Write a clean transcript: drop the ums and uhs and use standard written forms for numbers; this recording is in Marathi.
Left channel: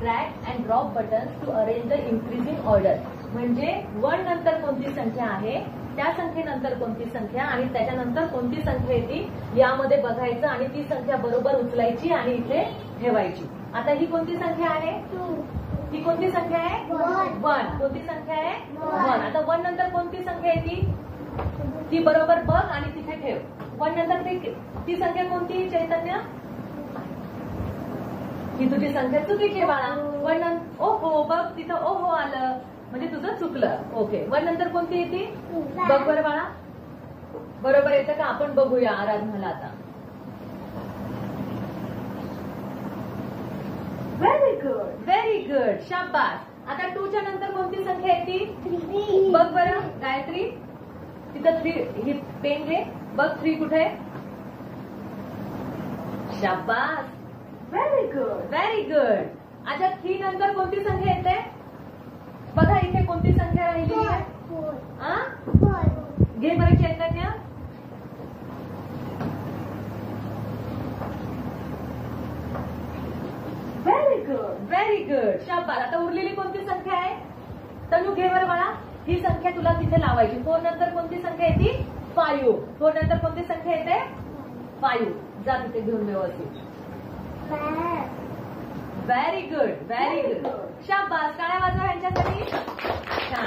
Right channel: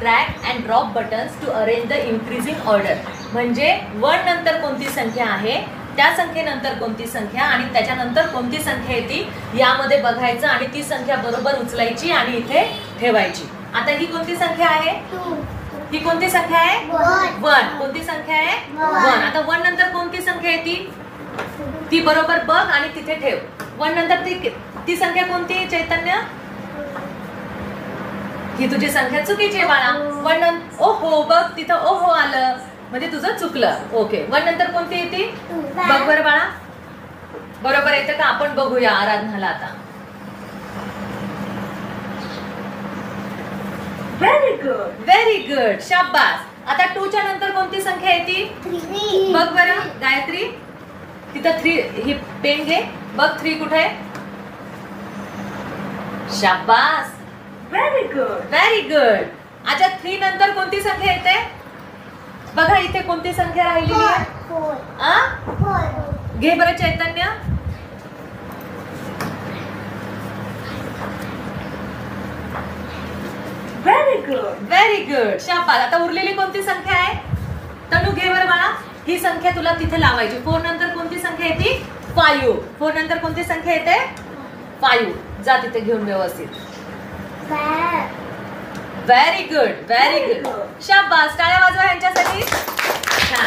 Drag and drop buttons to arrange the increasing order. म्हणजे 1 नंतर कोणती संख्या आहे, त्या संख्येनंतर कोणती संख्या आणि त्याच्यानंतर कोणती संख्या येते यामध्ये बघायचं आणि ती संख्या बरोबर उचलायची आणि इथे ठेवायची. आता ही कोणती संख्या आहे? ही कोणती संख्या आहे? 1. कोणती संख्या आहे? 1. आता 1 नंतर कोणती संख्या येते ती बरोबर बघ आणि तिथे ठेव. 1 नंतर ती संख्या कोणती आहे चैतन्य? ही तुझी संख्या चुकीची आहे बाळा. 1 नंतर ओहो बघ तिथं ओहो आलं म्हणजे तुझं चुकलं. ओके. 1 नंतर कोणती येते बघ बरं बाळा. बरोबर येतं का? आपण बघूया आराधनाला आता. व्हेरी गुड, व्हेरी गुड, शाबास. आता 2 च्या नंतर कोणती संख्या येते बघ बरं गायत्री. तिथं 3 ही पेन घे. बघ 3 कुठे आहे? शाबास, व्हेरी गुड, व्हेरी गुड. आता 3 नंतर कोणती संख्या येते बघा. इथे कोणती संख्या राहिलेली आहे? घे बरं चैतन्य. व्हेरी गुड, व्हेरी गुड, शाबास. आता उरलेली कोणती संख्या आहे? तनू घे बरं बाळा. ही संख्या तुला तिथे लावायची. 4 नंतर कोणती संख्या येते? 5. 4 नंतर कोणती संख्या येते? 5. जा तिथे घेऊन व्यवस्थित. व्हेरी गुड, व्हेरी गुड, शाबास. टाळ्या वाजवा यांच्यासाठी. छान.